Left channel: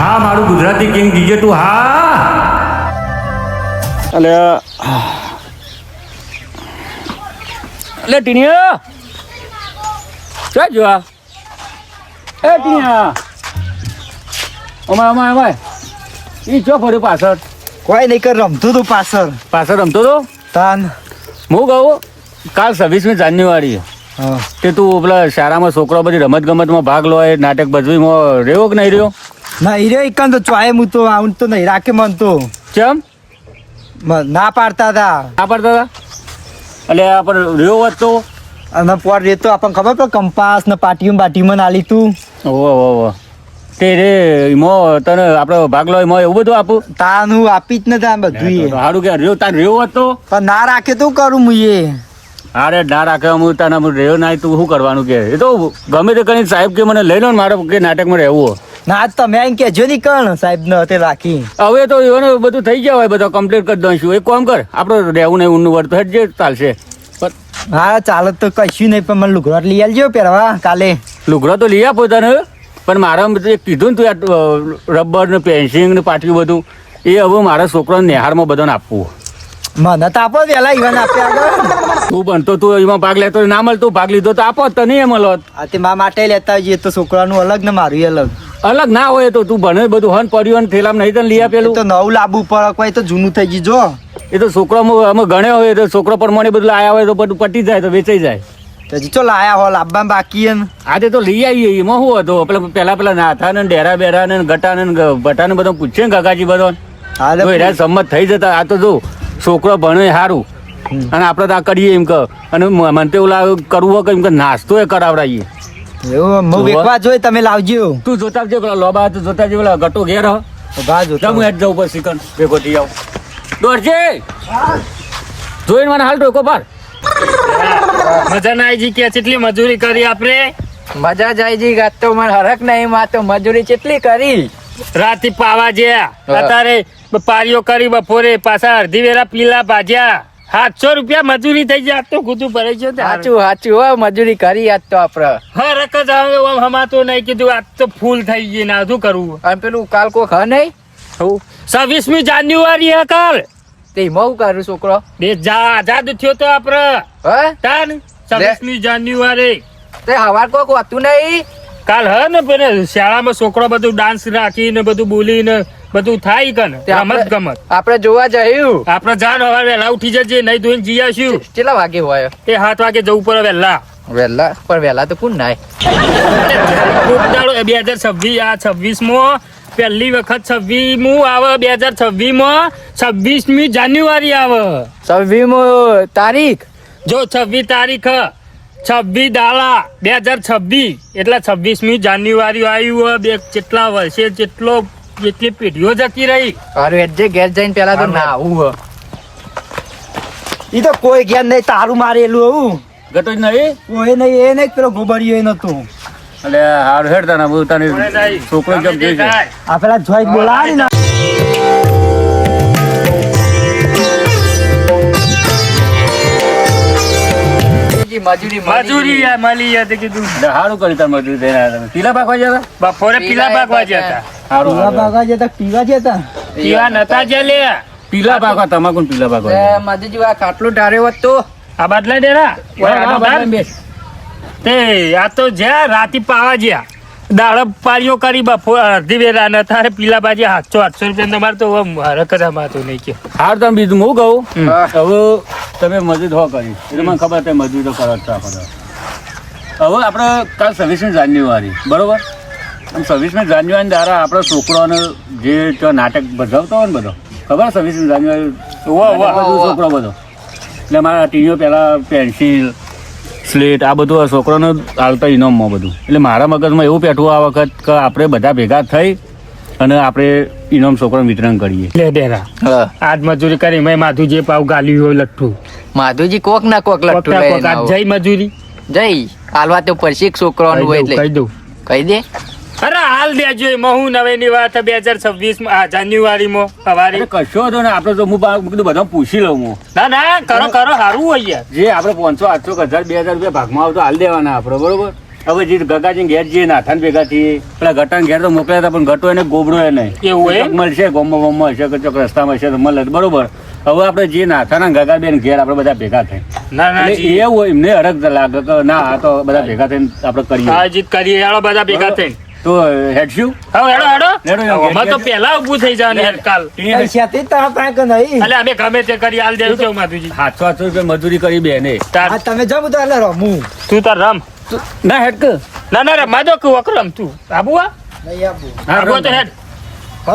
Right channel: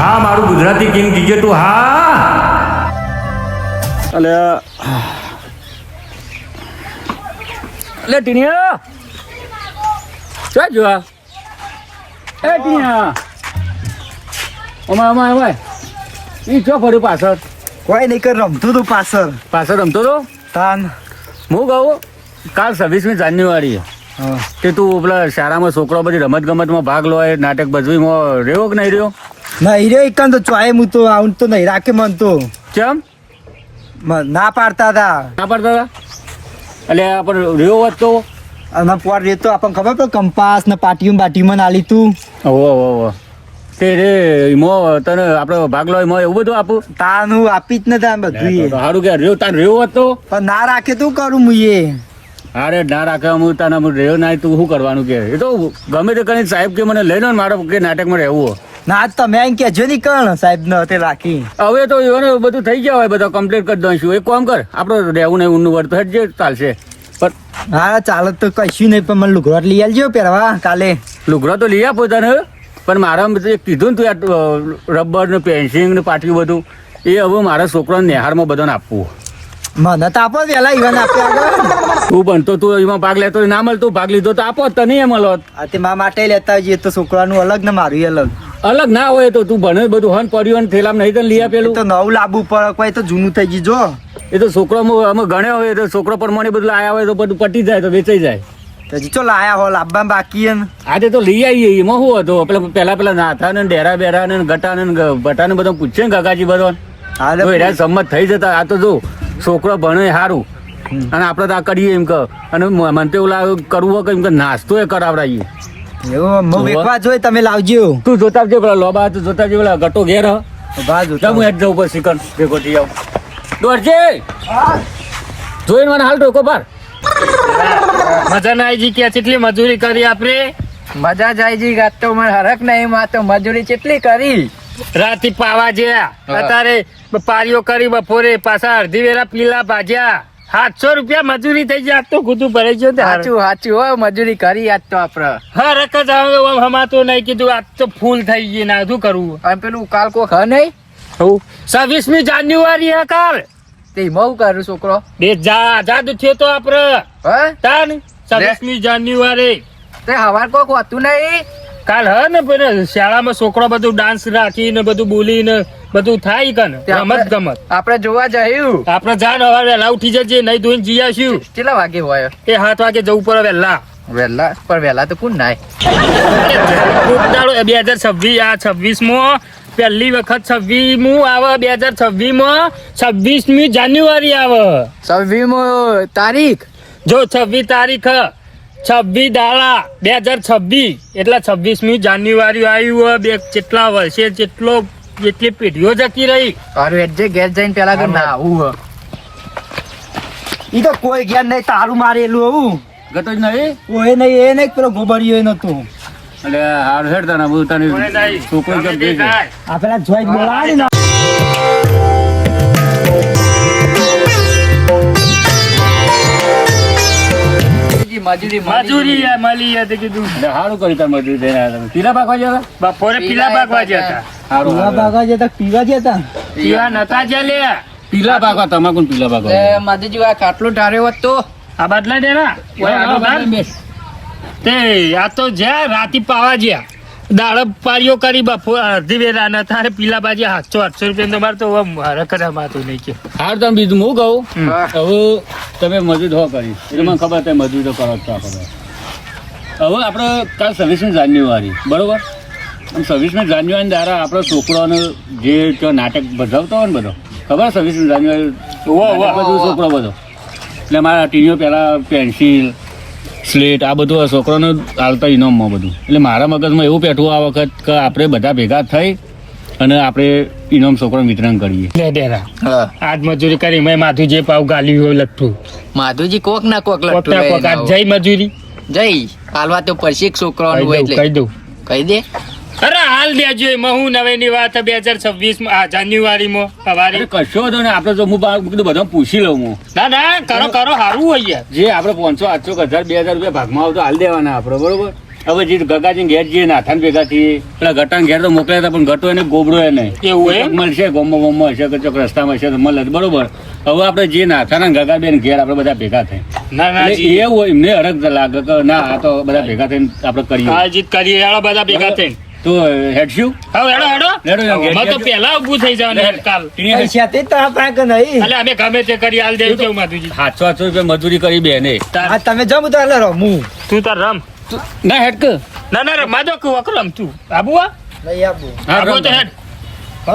હા મારું Gujarati king GJ તું હા. એટલે ટીનિયા ક્યાં જોવા એ ટીનિયા અમાય ઈ ચો ફર્યું પાછળ કોઈ નહીં કર રમતું તું પાછળ રમતો તો તાન હું કહું કાલ 26મી જાન્યુઆરી કે તું પેલા શાળામાં છોકરા બધી રમત ગમતમાં ભાગ લો એ નાટક ભજવીમાં રહ્યો કે નહીં રહ્યો? નહીં રે એક તો ચોય હું તો આવું તો નહીં રાખે મન તો કેમ ના પાડતા હતા ના પાડતા હતા? એટલે આપણે રહ્યો હોત તો અને પર રેતો આપણને ખબર પડે કંપાસ ને પાટીમાં નાલી તું ઓહો તે રે એમાં તને આપણે ભાગ લો એમાં એવું બધું આપું તાન હું આપી જ નથી આ બધું સારું કે રહ્યો તાર રહ્યો હોત તો પણ ના રાખે તો કરું હું એ અરે ના રાખે હું તને રહ્યો ના તું શું કરવાનું કે એ તો ગમે તે કરીને સાહેબ કે મને લઈ લો ને મારે કે નાટકમાં રહેવું ના તમે એમ કેજો નહીં કણ સાહેબ ને તે રાખી હવે તો એને બધું થઈ ગયા હોય બધા કમ્પ્લીટ કરી દઈશું એક કામ કર આપણે રહેવું નહીં ઊંનું વર્ત જે ચાલશે પણ હા ચાલો તો કશું નહીં પણ મને લુગડો લઈ આવજો પહેરવા કાલે લુગડો તો લઈ આપો તને પણ મારા કીધું ને તું રબર ને પેન્સિલ ને પાટિયું બધું એ હવે મારા છોકરાને નિહારમાં બધાને આપવું મને તો આપો વેલા ઈવન આપ્યા તું બનતો તું એમાં ભાગ લેતો ના મળતો ભાગ લીધો તો આપો તને એ મળો આ તે મા માટે લેતા જઈએ તો છોકરાનું અલગ ને મારું અલગ અલગ ના હોય તો તું ભણે બધું હન પડ્યું થેલામાં નહીં તને લઈ આપેલું તો નવું લાવવું પડે કોઈ તો જૂનું થઈ ગયું જો એ તો છોકરા અમે ગણ્યા હોય તો છોકરા પ્રમાણે બધું લાયા હોય તો બધું પટી જાય તો વેચાઈ જાય હજી તો લાયા હો લાવવા બાકી હે ને આજે તો લઈ આવીએ એમાં શું હતું પેલા નાથા ને ડેરા બેરા ને ગટા ને ભટા ને બધા પૂછે ને કાકાજી બધો સંમત થઈ જતા આ તો જો છોકરો ભણે સારું અને આપડે તો આ કરીએ એમ કે અને મને તો એવું કરવું હોય કે એમ કે નાસ્તો એ કરાવડાવીએ એવું હું વેચવા જોઈ તમે લાવજો તું જોતા આવજો પેલા લોબા તો જોતા આવજો પેલા ગટો ઘેર બા જોતા હું હેઠ જાઉં પછી કણ ભેગો થઈ આવું દોડજે જોઈને મને હાલ ટોકો પર મજા ના આવી કે કેટલી મજૂરી કરી આપણે મજા જાય જી ગાત તો મને હરક નહીં માં તો મજૂરી કેટલી કરી રાતી પાવા જ્યા અત્યારે પારીઓ કરી બપોરે પાછા અડધી વેરા પીલા ભાજ્યા 700 રૂપિયા મજૂરી થઈ જાય તો ખુદું ભરાઈ ગયો સાચું હો મજૂરી કરી આજ તો આપડે હા રકત આવે હમાતો નહીં કીધું આજ તો ફૂલ થઈ ગઈ ના શું કરવું અને પેલું કાલ કો ખ નહીં 26મી જાન્યુઆરી હે કાલ તે બહુ કરું છોકરો દેશ આઝાદ થયો તો આપડે હે તાન 26મી જાન્યુઆરી તે હવાર કોક હોતું નહીં કાલ હે ને પેલા શાળામાં છોકરો બધું ડાન્સ રાખીને બધું બોલીને બધું થાય કન રમત ગમત આપડે જોવા જયું આપડે જાન હવે વહેલા ઉઠી જજે નહીં ધોઈને જી આવીશું કેટલા વાગે હોય તે 7 વાગે જવું પડે વહેલા વેલા પણ વેલા તો કોણ નાય 2026 આ 26માં પહેલી વખત 26મું આવે 2026માં 26મી જાન્યુઆરી આવે 26 તારીખ જો 26 તારીખ 26 દાડા 2026 એટલે 26મી જાન્યુઆરી આવ્યું હોય બે કેટલા વર્ષે જેટલી પેઢીઓ જતી રહી તારું એડજે ઘેર જઈને પેલા તો ના આવું ઈ તો કોઈ ઘેર નહીં તારું મારેલું આવું ગતો જ નહીં કોઈ નહીં એ નહીં પેલો ગોબરિયો એ નતો એટલે હાર હેડતા ના હું તને છોકરો કેમ કહે છે આ પેલા જોઈ બોલાવી ને મજૂરી મજૂરી મળી હતી કીધું એટલે સારું કરી તાર મજૂરી થઈને આવ્યા તમે પીલા પાકવા જતા બપોરે પીલા ભાગવા જતા સારું પીવા ભાગવા જતા પીવા જતા પીવા નતા જે લે પીલા પાકવા તમાકુ પીલા પાકવા મધુજી આ ખાટલો ઢાર્યો હોત તો આ બદલા ડેરા તે આ તો જ્યાં રાતી પાવા જ્યાં દાડો પારીઓ કરી બપોર અડધી વેરા ને તારે પીલા બાજુ 700 રૂપિયા તમારે તો હરકત માતું નહીં કે હાર તમે બીજું હું કહું હવે તમે મજૂર હો કરી એટલે મને ખબર તમે મજૂર તો કરો છો આપણે હવે આપણે કાલ 26મી જાન્યુઆરી બરોબર આમ 26મી જાન્યુઆરી દ્વારા આપણા છોકરાઓને જે નાટક ભજવતો હોય ને બધો ખબર 26મી જાન્યુઆરી બધું છોકરો બધો એટલે મારા ટીવીઓ પહેલાં પેન્સિલ સ્લેટ આ બધું છોકરાને હાલતા ઇનામમાં બધું એટલે મારા મગજમાં એવું પેઠું આ વખત કે આપણે બધા ભેગા થઈ અને આપણે ઇનામ છોકરાને વિતરણ કરીએ લે ડેરા આજ મજૂરી કરી મેં માથું જે પાવ ગાલ્યું હોય લઠ્ઠું માધુજી કોક ના કોક કોક આજ જઈ મજૂરી જઈ હાલવા તો પરસી છોકરો કહી દઉં કહી દે અરે હાલ દેજો એમાં હું નવેની વાત 2026 જાન્યુઆરીમાં સવારે કશો હતો ને આપણે તો હું બધું બધા પૂછી લઉં હું ના કરો સારું હોય યાર જે આપણે 500 800 1000 2000 રૂપિયા ભાગમાં આવતો હાલ દેવાના આપણે બરોબર હવે જે ગગાજી ઘેર જઈએ નાથાન ભેગા થઈએ પેલા ગટાન ઘેર તો મોકલ્યા હતા પણ ગટો એને ગોબડો એ નહીં એવું એમ? ચોક મળશે ગોમમાં હશે કે ચોક રસ્તામાં હશે તો મળે તો બરોબર. હવે આપણે જે નાથાના ગગાબેન ઘેર આપણે બધા ભેગા થાય ના ના એટલે એવું હોય એમને અરગ લાગે કે ના આ તો બધા ભેગા થઈને આપણે કરીએ હા જીત કરીએ હેડો બધા ભેગા થઈને તો હેડશું હા હેડો હેડો હેડો યાર, અમે તો ઘેર પેલા ઊભું થઈ જવાનું કાલ પૈસાથી તારા પાસે નહીં એટલે અમે ગમે તે કરી હાલ દેવું કેવું માધુજી 700 રૂપિયા મજૂરી કરી બેને આ તમે જમ તો એટલે રમું તું તાર રમ ના હેડ કે ના ના રમા દો કે વકરમ તું આબુ આ નહીં આપું હા, આબુ રમ. તો હેડ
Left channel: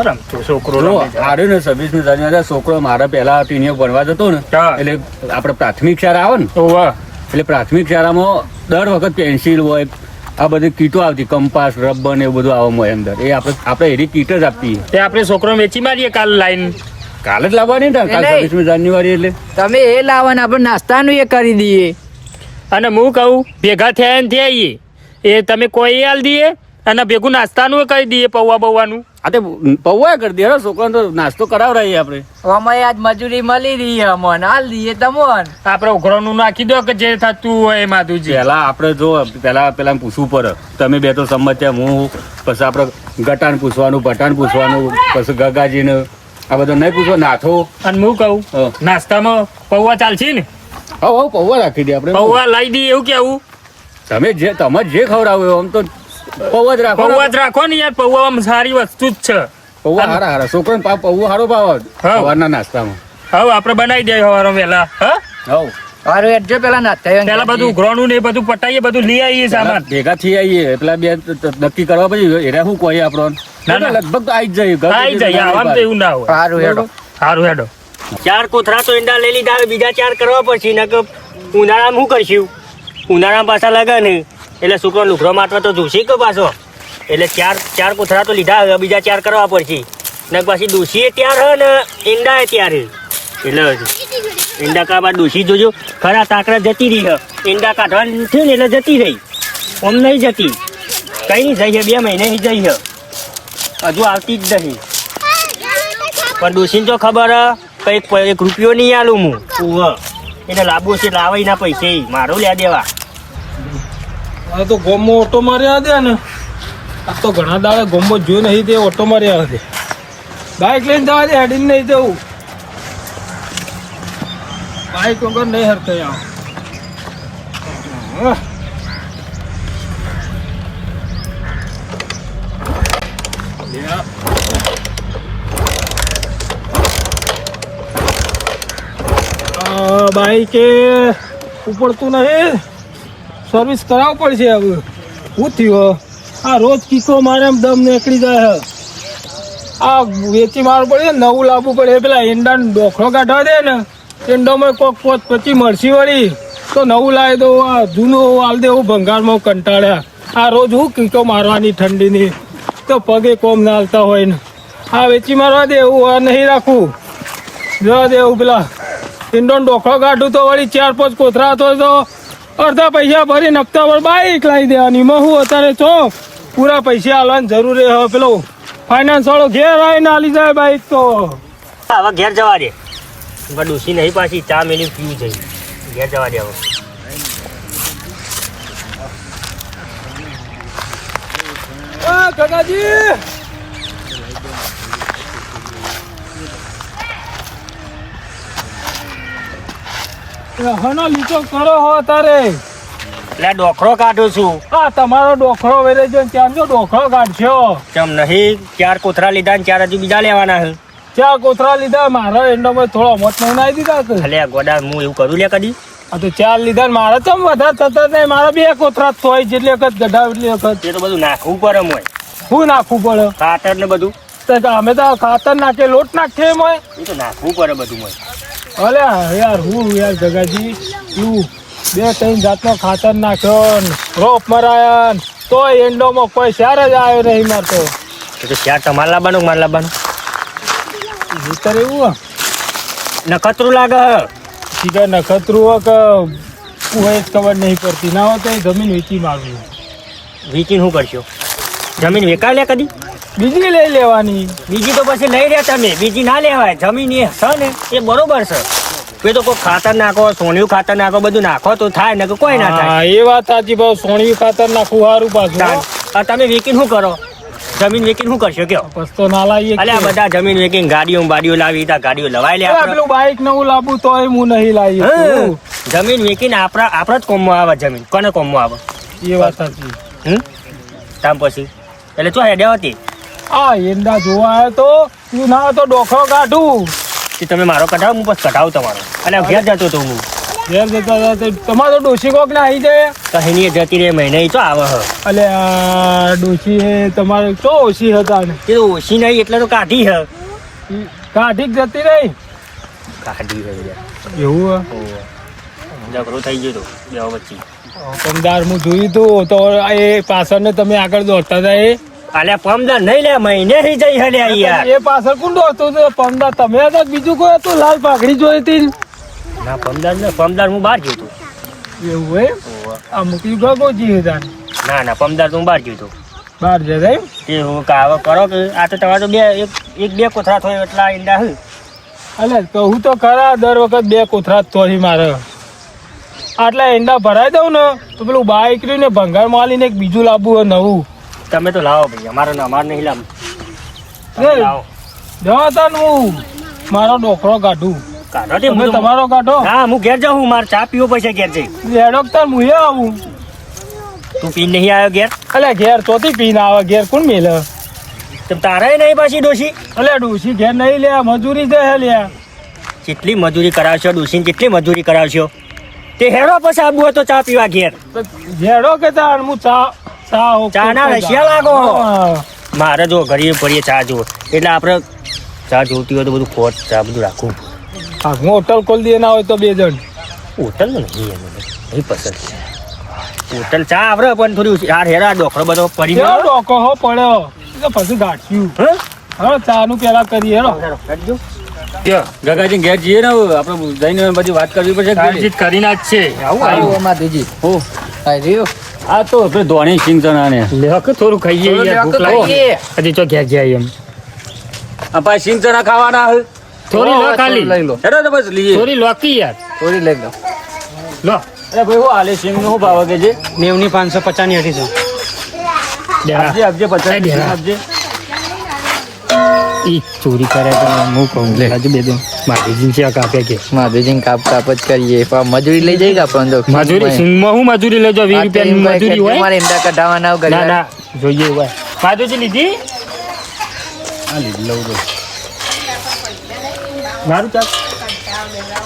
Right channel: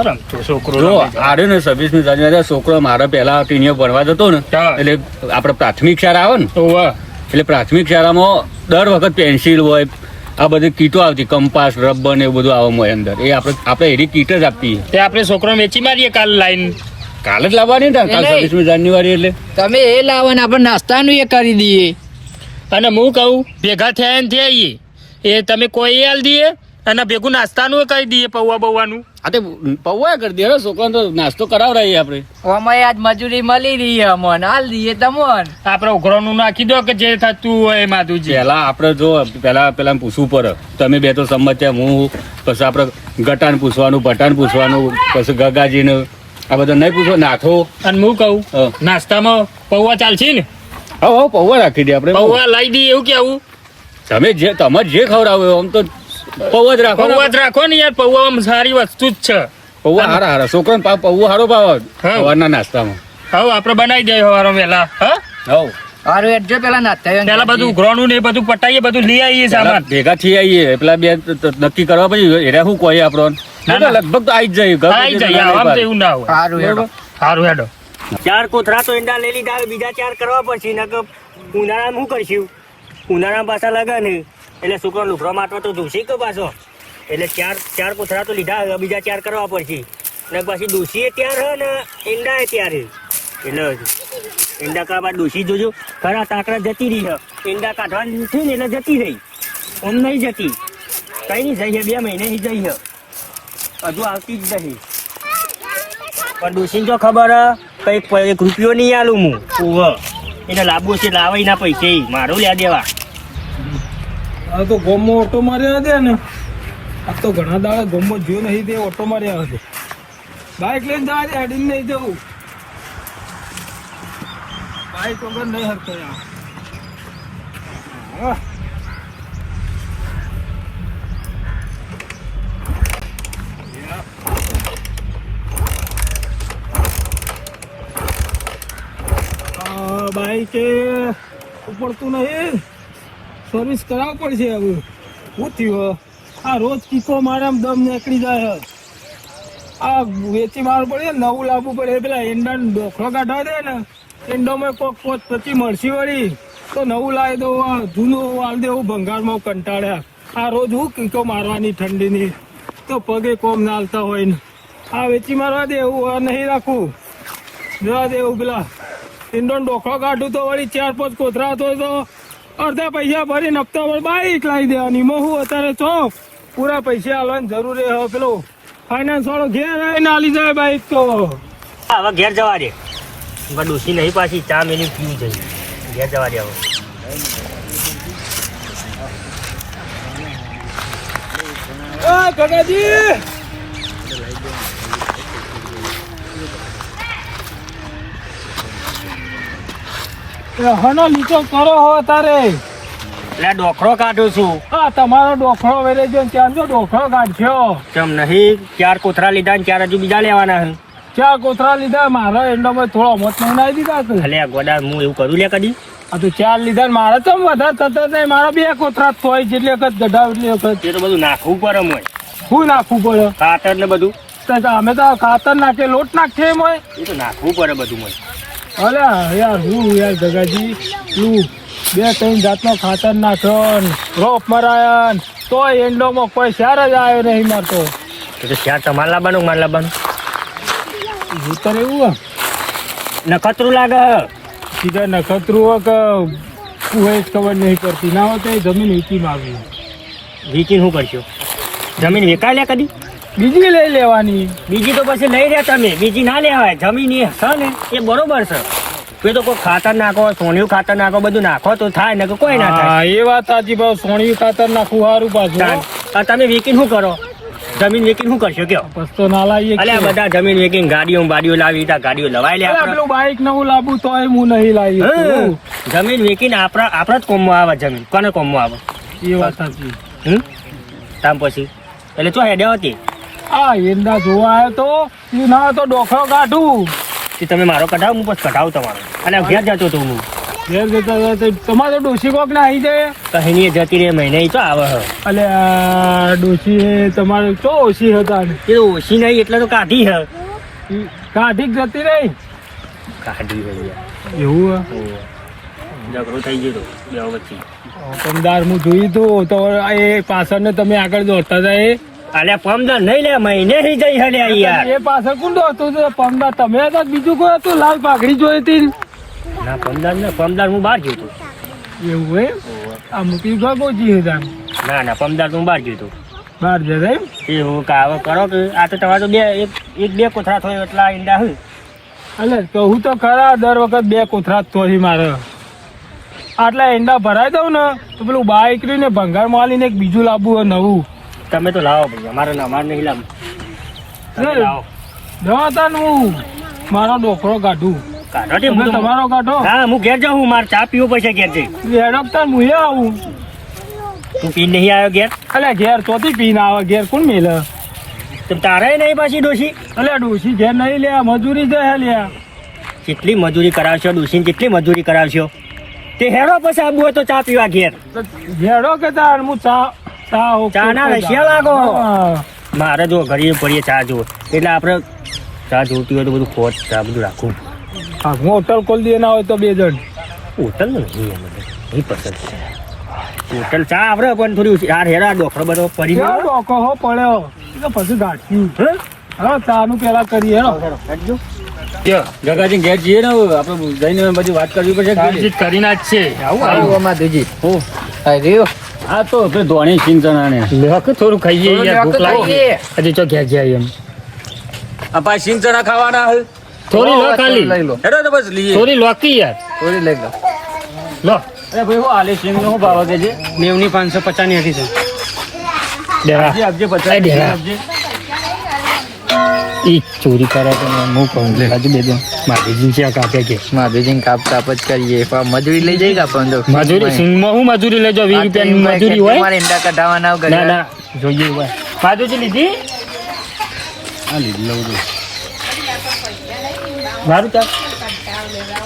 રમ તું છોકરો જો રમી જાય. આર્યો ને 26મી જાન્યુઆરી છોકરો મારા પહેલા ટીણીઓ ભણવા જતો ને હા. એટલે આપણે પ્રાથમિક શાળા આવે ને ઓવા એટલે પ્રાથમિક શાળામાં દર વખત પેન્સિલ હોય આ બધી કીટો આવતી કંપાસ રબર ને એવું બધું આવે મોય અંદર એ આપણે એની કીટ જ આપતી તે આપણે છોકરો વેચી મારીએ કાલ લાઈન કાલે જ લાવવાની ને કાલ નહીં. 26મી જાન્યુઆરી એટલે તમે એ લાવો ને આપણે નાસ્તાનું એ કરી દઈએ. અને હું કહું ભેગા થયા ને થયા એ તમે કોઈ હાલ દઈએ અને ભેગું નાસ્તાનું કહી દઈએ પૌવા બૌવાનું આ તો પૌવા કરી દે છોકરાને તો નાસ્તો કરાવડાવીએ આપણે અમારે આજ મજૂરી મળી રહી છે અમને હાલ દઈએ તમોન. આપણે ઉઘરાનું નાખી દો કે જે થતું હોય એ માધુજી પહેલા આપણે જો પેલા પૂછવું પડે તમે બે તો સંમત્યા હું પછી આપણે ગટાન પૂછવાનું પટાન પૂછવાનું પછી ગગાજીને આ બધું નહીં પૂછવા નાથો અને હું કહું હા. નાસ્તામાં પૌવા ચાલશે ને હવે પૌવા રાખી દે આપણે પૌવા લાવી દઈએ એવું કેવું તમે જે ખવડાવો આમ તો પૌવા જ રાખો ને. પૌવા જ રાખો ને યાર પૌવા સારી વસ્તુ જ છે પૌવા હારા છોકરાને પૌવા હારો ભાવ હા. સવારના નાસ્તામાં હવે આપણે બનાવી દઈએ સવારે વહેલા હા હવ અરે હેડજો પેલા નાસ્તા પેલા બધું ઉઘરાણું ને એ બધું પટાઈએ બધું લઈ આવીએ પેલા સામાન ભેગા થઈ આવીએ પેલા બે નક્કી કરવા પછી એરા શું કહે આપણો ના, ના. લગભગ તો આવી જ જાય આવી જાય આમ તો એવું ના હોય સારું હેડો. સારું હેડો 4 કોથળા તો ઈંડા લઈ લીધા હવે બીજા 4 કરવા પડશે ને કે ઉનાળામાં શું કરશું ઉનાળામાં પાછા લાગે ને એટલે છોકરો લુગડો માટવા તો જોશે કે પાછો એટલે 4 કોથળા તો લીધા હવે બીજા 4 કરવા પડશે ને પછી ડોશીએ ત્યાર હે ને ઈંડા ત્યાર હે એટલે ઈંડા કાઢવા બાદ ડોશી જોજો ખરા તાકડા જતી રહી હે ઈંડા કાઢવાની થયું ને એટલે જતી રહી આમ નહીં જતી કઈ નહીં જઈ છે 2 મહિને જઈ છે હજુ આવતી જ નહીં પણ ડોશીને જો ખબર હે કઈ 1 રૂપિયો નહીં આલું હું ઓહ એને લાવવો છે લાવાય ના પૈસે મારું લ્યા દેવા આ તો ગોમો ઓટો માર્યા દે ને આ તો ઘણા દાડે ગોમો જોઈ નહીં દે ઓટો માર્યા હશે બાઇક લઈને જવા દે હેડીને નહીં જવું બાઇક વગર નહીં હરતો આવ બાઈકે ઉપડતું નહીં સર્વિસ કરાવવું પડશે હવે શું થયું આ રોજ કીકો મારે એમ દમ નીકળી જાય છે આ વેચી મારવું પડે નવું લાવવું પડે પેલા ઈંડાનો ડોખરો કાઢવા દે ને ઈંડોમાં કોક 25 મળશી વળી તો નવું લાવી દઉં આ જૂનું હાલ દેવું ભંગારમાં કંટાળ્યા આ રોજ હું કીકો મારવાની ઠંડીની તો પગે કોમ ના હાલતા હોય ને આ વેચી મારવા દે એવું આ નહીં રાખવું જવા દે એવું પેલા ઈંડોનો ડોખરો કાઢું તો વળી 4-5 કોથરા તો અડધા પૈસા ભરીને હપ્તા પર બાઈક લાવી દેવાની એમાં હું અત્યારે છો પૂરા પૈસા આલવાની જરૂર હવે પેલો ફાઇનાન્સ વાળો ઘેર આવીને આલી જાય બાઈક તો હવે ઘેર જવા દે ડોશી નહીં પાછી 4 મિનિટ પીવું જઈ ઘેર જવા દે હવે કાકાજી હનો લીચો કરો હો તારે એટલે ડોખરો કાઢું છું હા તમારો ડોખરો વેરે જો ત્યાં જો ડોખરો કાઢશો ચમ નહીં 4 કોથરા લીધા ને 4 હજુ બીજા લેવાના હે ચાર કોથરા લીધા મારા એંડામાં થોડા મોત નહીં નાઈ દીધા કે ભલે ગોડા હું એવું કરું લે કદી આ તો 4 લીધા ને મારા તો વધારે થતા નહીં મારા 2 કોથરા જ હોય જેટલી વખત ગઢા એટલી વખત એ તો બધું નાખવું પડે મોય શું નાખવું પડે ખાતર ને બધું તો કે અમે તો ખાતર નાખે લોટ નાખીએ એમ હોય એ તો નાખવું પડે બધું મોય અલ્યા યાર હું યાર ગગાજી તું 2-3 જાતનો ખાતર નાખ્યો ને રોપ મરાયા ને તોય એંડોમાં કોઈ સાર જ આવ્યો નહીં મારતો તો 4 તમારે લાવવાનું મારે લાવવાનું ભૂતર એવું નખતરું લાગે હે. સીધા નખત્રું હોય કે શું હોય જ ખબર નહીં પડતી ના હોય તો જમીન વેચી મારવી વેચીને શું કરશો જમીન વેચાય લે કદી બીજી લઈ લેવાની બીજી તો પછી લઈ રહ્યા તમે બીજી ના લેવાય જમીન એ છે ને એ બરોબર છે એ તો કોઈ ખાતર નાખો સોનિયું ખાતર નાખો બધું નાખો તો થાય ને કે કોઈ ના થાય હા, એ વાત સાચી ભાવ સોણિયું ખાતર નાખવું સારું પાછું તાન. આ તમે વેકીને શું કરો જમીન વેકીને શું કરશો કયો પસ્તો ના લાવીએ અલે આ બધા જમીન વેકીને ગાડીઓ બાડીઓ લાવી ત્યાં ગાડીઓ લવાઈ લે આપણે. પેલું બાઈક નવું લાવવું તોય હું નહીં લાવી હં. જમીન વેકીને આપણા જ કોમમાં આવે જમીન કોને કોમમાં આવે એ વાત સાચી તામ પછી એટલે ચો હેડે હતી આ એંડા જોવા આવ્યો તો તું ના તો ડોખો કાઢું કે તમે મારો કઢાવો હું પછી કઢાવું તમારો અને ઘેર જતો હતો હું ઘેર જતા જતા તમારો ડોશી કોક ને આવી જાય કહીની જતી રે મહિને ઈ તો આવે હ એટલે આ ડોશી તમારે ચો ઓછી હતા ને એ તો ઓછી નહીં એટલે તો કાઢી હ કાઢી જ જતી રહી કાઢી હ યાર એવું ઝઘડો થઈ ગયો તો બે વચ્ચે પમદાર હું જોયું તું તો એ પાછળ ને તમે આગળ દોડતા હતા એ અલ્યા પમદાર નહીં લે મહિને થી જઈ હલ્યા યાર એ પાછળ કોણ દોડતું હતું પમદાર તમે હતા કે બીજું કોઈ હતું લાલ પાઘડી જોઈ હતી ના પમદાર હું બહાર ગયો તો એવું હોય આ મૂકી ગોજી હતા ના ના પમદાર તો હું બહાર ગયો તો બહાર જતા એમ એ હું કાવા કરો કે આ તો તમારે તો એક બે કોથળા થોય એટલા ઈંડા હું એટલે કહું તો ખરા દર વખત બે કોથરા જ થોડી મારે આટલા એંડા ભરાઈ દઉં ને તો પેલું બાઈક રહ્યું ને ભંગાર માલીને એક બીજું લાવવું હોય નવું તમે તો લાવો ભાઈ અમારે નહીં લાવ તમે લાવો જતા ને હું મારો ડોકરો કાઢું કાઢો તે તમે હું તો- તમારો કાઢો હા હું ઘેર જાઉં હું મારે ચા પીવો પડશે ઘેર જઈ હેડકતા હું આવું તું પી નહીં આવ્યો ઘેર એટલે ઘેર ચોથી પીને આવે ઘેર કોણ મેલે તેમ તારે નહીં પાછી ડોશી એટલે ડોસી ઘેર નહીં લે મજૂરી છે હે લ્યા કેટલી મજૂરી કરાવશો ડોશીને કેટલી મજૂરી કરાવશો તે હેડો પછી આબુ હોય તો ચા પીવા ઘેર તો ઘેડો કે તાર હું ચા ના રશિયા લાગો. મારે જો ઘરે પડીએ ચા જો એટલે આપણે ચા જોતી હોય તો બધું ખોટ ચા બધું રાખવું હું હોટલ ખોલી દે ના હોય તો બે જણ હોટલ નહીં એમ નહીં પસંદ હોટલ ચા આપણે પણ થોડી યાર હેરા ડોકરો બધો પડી કેવો ડોકો હો પડ્યો એ તો પછી ગાંઠ્યું હા ચા નું પેલા કરીએ હેડો ગગાજી ઘેર જઈએ ને હવે આપણે જઈને બધી વાત કરવી પડશે કે વાતચીત કરીને જ છે આવું માધુજી હું રહ્યો આ તો આપણે ધોણી સિંગ ચણા ને લે કે થોડું ખાઈએ યાર ભૂખ લાગી ખાઈએ. હજી તો ઘેર જાય એમ આપણે સિંગ ચણા ખાવાના હોય થોડી લો ખાલી હેડો તો બસ લઈએ થોડી લોકી યાર થોડી લઈ લો લો એ ભાઈ હું આલે સિંગ નો ભાવ કે છે 90 550 ની હતી દેરા જે આપજે એ 50 દેરા. આપજે ઈ ચોરી કરે તો હું કહું લે હજુ બે દો મારી જીંચિયા કાપે કે માધુજી કાપ કાપ જ કરીએ પણ મજૂરી લઈ જઈ ગયા પણ મજૂરી સિંગમાં હું મજૂરી લેજો 20 રૂપિયાની મજૂરી હોય તમારે ઈંડા કઢાવવાના હોય ના ના જોઈએ હોય માધુજી લીધી આ લીધી લઉં તો મારું ચાલ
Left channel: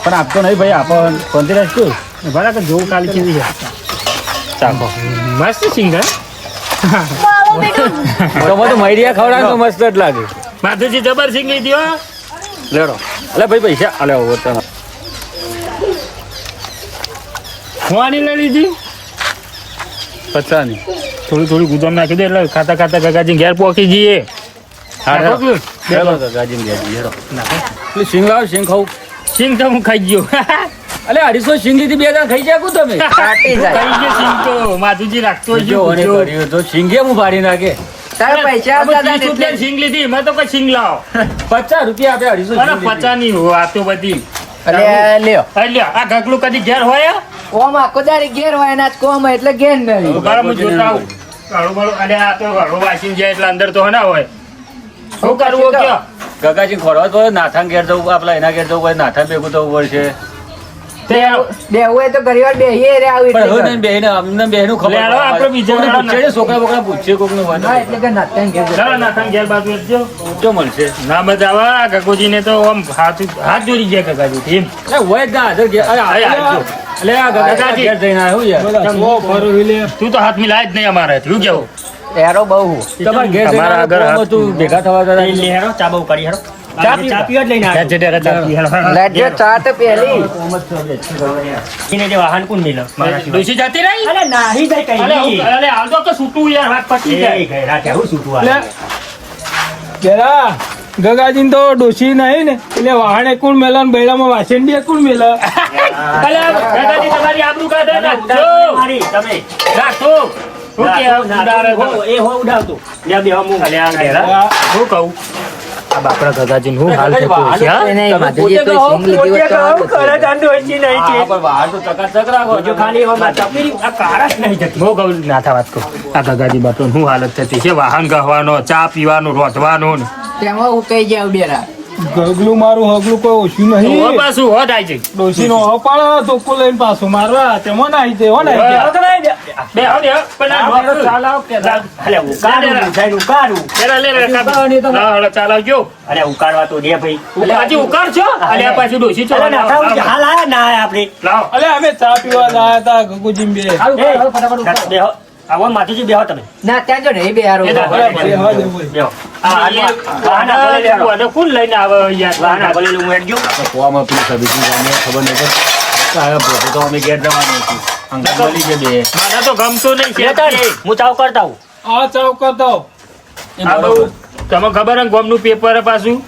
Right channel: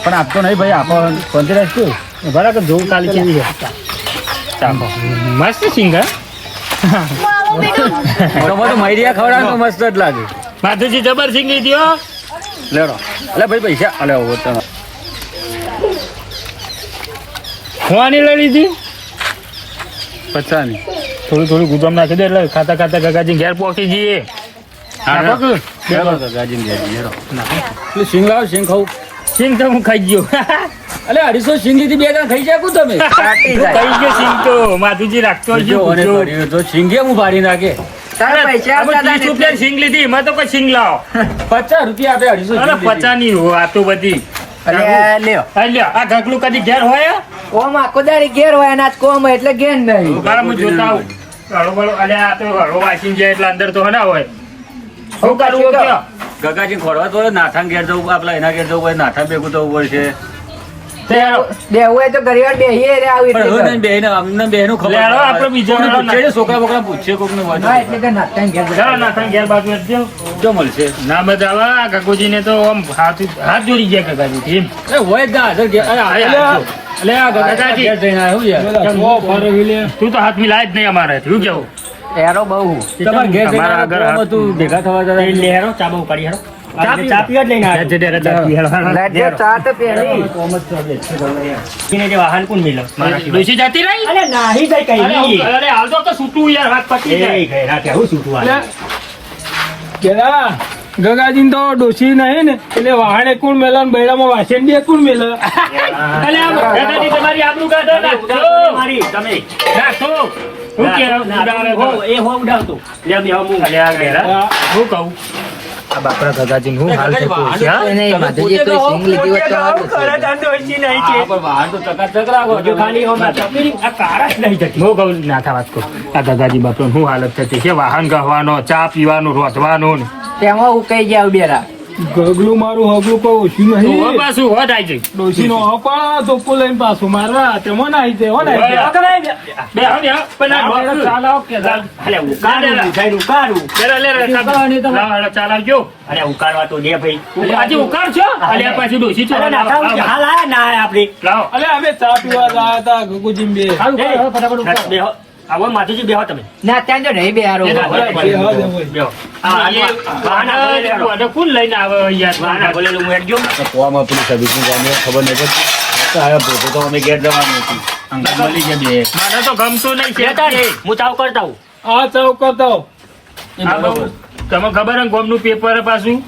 પણ આપતો નહીં ભાઈ આપો પંચરાજ કયું બરાબર જોવું કાલી કેવી છે ચાલો મસ્ત સિંગ હા તો મૈરિયા ખવડાવે તો મસ્ત જ લાગે માધુજી જબર સિંગ લીધી હો લેડો અલે ભાઈ પૈસા અલે હવે તને ખવાની લઈ લીધી 50 ની થોડું થોડું ગુદામ નાખી દે એટલે ખાતા ખાતા કાકાજી ઘેર પહોંચી જઈએ નાખો કે? લેડો ગગાજી ને લેડો પેલી સિંગ લાવ સિંગ ખાવ સિંગ તો હું ખાઈ ગયો અલે 250 સિંગ લીધી બે જણ ખાઈ જાય કુ તમે ખાઈ ગયો સિંગ તો માધુજી રાખતો જો અને કર્યું તો સિંગે હું પાડી નાખે તારા પૈસા આપણે આપતા 30 રૂપિયા સિંગ લીધી એમાં તો કોઈ સિંગ લાવો 50 રૂપિયા આપે 250 અરે 50 ની વાતો બધી અરે લ્યો અલ્યા આ ગગલું કદી ઘેર હોય કોમ આખો દાડી ઘેર હોય એના જ કોમ એટલે ઘેર નહીં બારા હું જોતા આવું હળો બળો અલે આ તો હળો વાસી જાય એટલે અંદર તો ના હોય શું કરવું કયો ગગાજી ખોરવા તો નાથાન ઘેર જવું આપલા એના ઘેર જવું પડે નાથાન ભેગું થવું પડશે બેહવું હોય તો ઘણી વાર બેહીએ રે આવું એટલે ઘર. બેન અમને બેનું ખબર લે, હાલો, આપણે બીજા કોઈને વાળા પૂછે, છોકરા બોકરા પૂછે કોકને હોય તો. હા એટલે ઘર નાખતા ને ઘેર જતા. ચાલો નાથાન ઘેર બાજુ જ જાઓ. જો મળશે ના બતાવા ગગોજીને તો આમ હાથ જોડી ગયા ગગાજી એમ અરે હોય જ ના હાજર ઘેર. અરે આવે હાજર. અલે આ ગગાજી ઘેર જઈને આવ્યો યાર બધા સો ફરો લે તું તો હાથ મિલાય જ નહીં અમારે થયું કેવું એરો બહુ તમારા ઘેર જઈને તમારા ઘર આવ્યો, તું ભેગા થવા જતા એ લે હેરો ચા બહુ કરી હેરો ચા પીવા જ લઈને આવ્યો લાગે ચા તો પહેલી એને જે વાહન કોણ મિલો ડોશી જાતી રહી અરે નાહી જાય કઈ અલે, નહીં. અલે, હાલ તો કે છૂટું યાર હાથ પટી એ જાય ઘેરા કેવું છૂટું આવે પેલા ગગાજી તો ડોસી નહીં ને એટલે વાહણે કોણ મેલા ને બેડામાં વાસણ દે કોણ મેલા અલે, ગગાજી તમારી આબરૂ કાઢો નાખો મારી તમે નાખો હું કે એ હો ઉડાવતું લે બે હું લે આ ઘેરા હું કહું આ બાપરા ગગાજી હું હાલ થતું હશે, હા? કોઈ નહીં, માધુજી કોઈ સિંગ લીધી હોત તો હારું હતું. હા, પણ બહાર તો ચકાચક રાખો. હજુ ખાલી આમાં ચપી આ કાળા જ નહીં જતી. હું કહું ના થા વાત કહું. આ ગગાજી બાપરાને શું હાલત થતી છે, વાહન ગહવાનો, ચા પીવાનો, રોધવાનો ને. તેમાં ઉકાઈ જાવ બેરા. ગગલું મારું હગલું કોઈ ઓછું તો હવે નહીં. પાછું હોટ આઈ જાય. ડોશીનો હોપાળા ધોકો લઈને પાછું મારવા તેમાં નાહી દે, હો નાહી દે. બે હો ને, પણ આ આપણે બાપરું. ચાલ આવ કે અરે ઉકાળું મીઠાઈ ઉકાળું. ચાલ આવજો. અરે ઉકાળવા તો દે ભાઈ. હજી ઉકાર છો અલ્યા પાછી ડોશી છો. અરે નખાવ, હાલ આવે ના આવે આપણી. લાવો. અલે અમે ચા પીવા લાયા તા ગગુજી બે. બેહો. આવો માધુજી બેહો તમે. ના ત્યાં જો નહીં બેહારું. એ તો બેહવા દે બોલ. બેહો. આને કોણ લઈને આવે યાર? વાહન ભલે હું હેડ ગયો. કોવામાં પેલી સર્વિસની જાણીએ ખબર નહીં પડતી. તો હવે પોતે તો અમે ઘેર જવાનું હતું. અંકલ મળી ગયા બે. મને તો ગમતું નહીં છે. હું ચાવ કરતા હું. આ ચાવ કરતો. આ બહુ તમે ખબર હે ગોમનું પેપર પાછું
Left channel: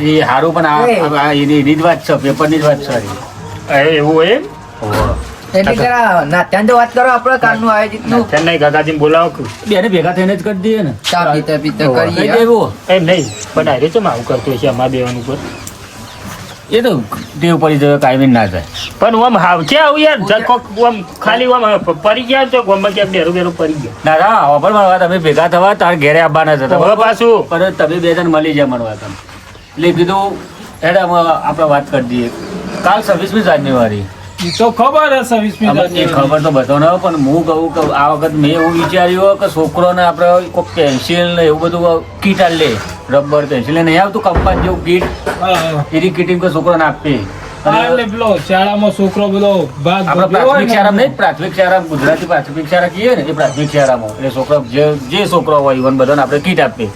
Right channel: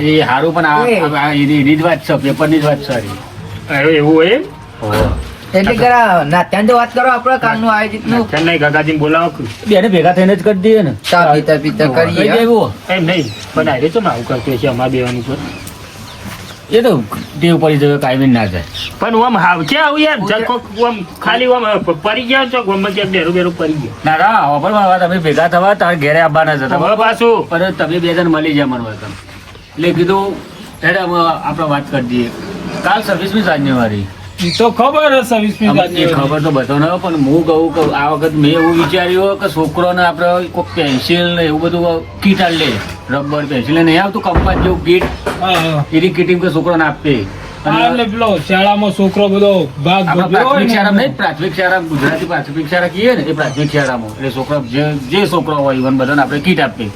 એ હારું પણ આ એની જ વાત છે, પેપરની જ વાત સારી. એવું એમ એટલે જરા ના ત્યાં તો વાત કરો આપણે કાલનું આયોજિતનું. ચેન્નાઈ ગગાજીને બોલાવો. બેને ભેગા થઈને જ કરી દઈએ ને. ચા પીતા પીતા કઈ કરીએ. દેવું એમ નહીં પણ આરે છે આવું કરતું છે અમારા બેવાનું પર. એ તો ટેવ પડી જાય, કાયમી ના થાય. પણ આમ હાવ છે આવું યાર જકો આમ ખાલી આમ પડી ગયા તો ગોમમાં ક્યાંક ડેરું ડેરું પડી ગયો. ના રા ઓફર માં તમે ભેગા થવા તાર ઘેરે આવવાના જ હતા. હવે પાછું પણ તમે બે જણ મળી જાય મળવા તમે. એટલે કીધું હેડ આપણે વાત કરી દઈએ. કાલ 26મી જાન્યુઆરી. ઈ તો ખબર હે 26મી એ જાન્યુઆરી. ખબર તો બધાને હોય, પણ હું કહું કે આ વખત મેં એવું વિચાર્યું કે છોકરોને આપણે કોઈ પેન્સિલ ને એવું બધું કીટ આલ લે. રબર પેન્સિલ નહીં આવતું કંપાસ જેવું કીટ, હા, હા. એની કીટિંગ કે છોકરાને આપે. હા, એટલે પેલો શાળામાં છોકરો બધો ભાગ આપણે ભજવ્યો હોય પ્રાથમિક શાળા ને. નહીં, પ્રાથમિક શાળા ગુજરાતી પ્રાથમિક શાળા કહીએ ને, એ પ્રાથમિક શાળામાં એટલે છોકરા જે છોકરો હોય ઇવન બધાને આપણે કીટ આપીએ.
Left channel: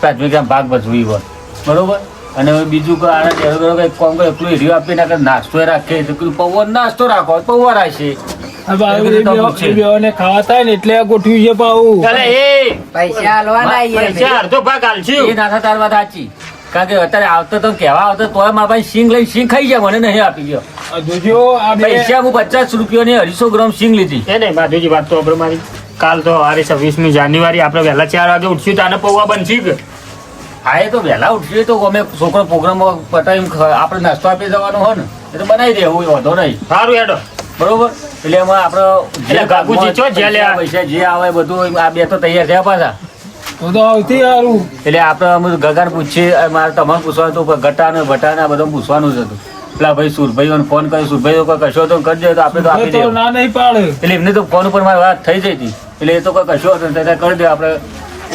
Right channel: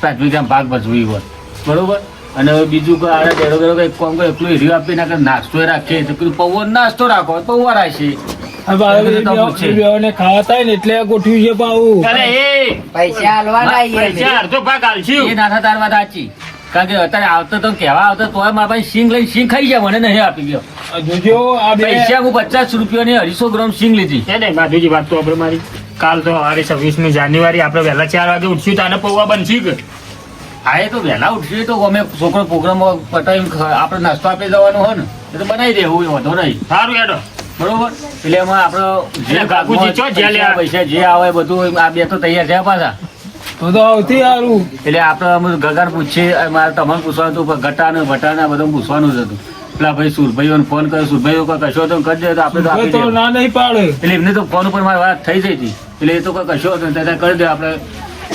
પ્રાથમિક આમ ભાગ ભજવી હોય બરોબર. અને હવે બીજું કે આને ઘરે ઘરે કંઈક કામ કરે એટલું એરિયો આપી નાખે, નાસ્તો રાખીએ તો કીધું પૌવા નાસ્તો રાખો પૌવા રાખીએ. હવે એ બેઓને ખાવા થાય ને એટલે આ ગોઠવ્યું છે પાછું. અરે એ પૈસા હાલવાના પૈસા અડધો ભાગ હાલશું. એ નાથા તાર વાત સાચી. કારણ કે અત્યારે આવતો તો કહેવા આવતો તોય મારા પાસે સિંગ લઈને સિંગ ખાઈ જાય, મને નહીં આપી ગયો. આ જોજો આ બે પૈસા હું 50 રૂપિયાની 250 ગ્રામ સિંગ લીધી. એ નહીં માધુજી વાત તો આપણે મારી કાલ તો હવે 26મી જાન્યુઆરી આપણે વહેલા 4 વાગે ઉઠશું તો આને પૌવા બનશે કે હા એ તો વહેલા ઉઠીએ તો અમે છોકરો પ્રોગ્રામ પટાવી આપણે નાસ્તો આપી જવાનો હોય ને એ તો બનાવી દેવું, એ વાંધો નહીં સારું હેડો. બરોબર. એટલે એમાં આપણે એટલે બાપુજી ચો જ્યાં લેવા? પૈસા જે આવે બધું આ બે તો તૈયાર થયા પાછા. તો સૌથી સારું. એટલે આપણે અમે ગગાર પૂછીએ, મારે તમારે પૂછવાનું હતું, ગટા ને ભટા ને આ બધું પૂછવાનું જ હતું. પેલા ભાઈ સુરભાઈઓને ફોન કર્યો, સુરભાઈઓ કોઈ કશો હતો કરજો તો આપણે તો આપી તો દઈએ. ના નહીં પાડે. એટલે એમને તો ફોન ઉપર મારી વાત થઈ જઈ હતી, એટલે એ તો કોઈ કશો હતો ને કરી દો આપણે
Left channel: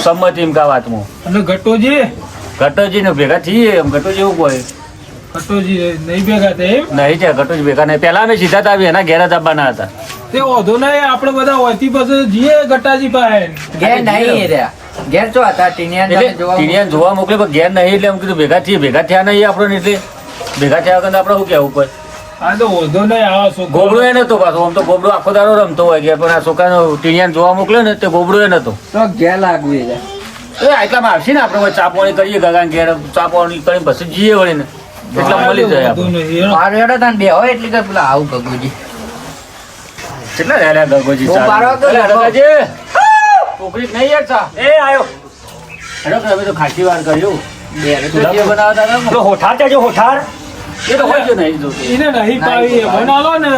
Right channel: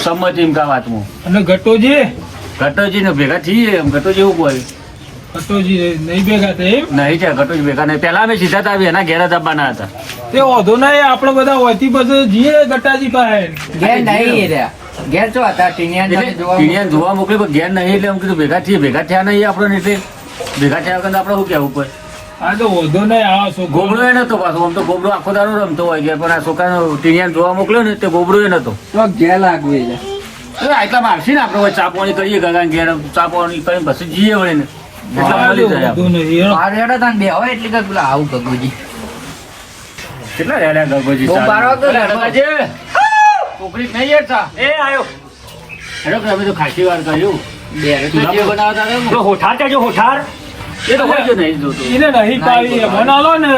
સંમતિ એમ કા વાતમાં. અને ગટોજી ઘટોજી ને ભેગા થઈએ એમ. ઘટોજી એવું કોઈ ગટોજી નહીં ભેગા થાય એમ. નહીં છે, ઘટોજી ભેગા નહીં. પહેલા અમે સીધા જ આવી એના ઘેર જ આવવાના હતા. તે વાંધો નહીં, આપણે બધા હોતી પછી જઈએ ગટાજી પાસે. ઘેર નહીં રહ્યા. ઘેર છો હતા ટીનિયાને તમે એટલે જોવા ટીણીયાને જોવા મોકલે પણ ઘેર નહીં, એટલે એમ કીધું ભેગા થઈએ. ભેગા થયા નહીં આપણે, એટલે ભેગા થયા વગર આપણે શું કહેવું પડે. આ તો વાંધો નહીં, આવા છોકરો ગોબડો એ નતો પાછો. આમ તો ગોબડો આખો દાડો રમતો હોય ઘેર, પણ આ છોકરાને ટીણીયાને જોવા મોકલ્યો ને તે ગોબડો એ નતો. તો ઘેર લાગવી જાય. એટલામાં આવશે ને આપણે ચા પાણી કરીએ, ગગાને ઘેર ચા પાણી કરીને પછી જઈએ વળી ને. એટલામાં આ મળી જાય વાંધો આપણે. નહીં. મારું હેડો તાન બે હોય એટલે તો પેલા આવું ગગુજી. કેટલા રહ્યા ગગોજી બહુ ચા? પારવા તો અરે ગગો. ગગાજી, પોપડી નહીં યાર ચા. એ આયો. હેડો કે અમે તો ખાસી વાર કર્યું. બે ચૂલા પર બનાવતા હતા ને. તો હોઠાર તેજો હોઠાર. એ તો હોય જ નહીં જોતું. એને નહીં પાવી બનાવો ને.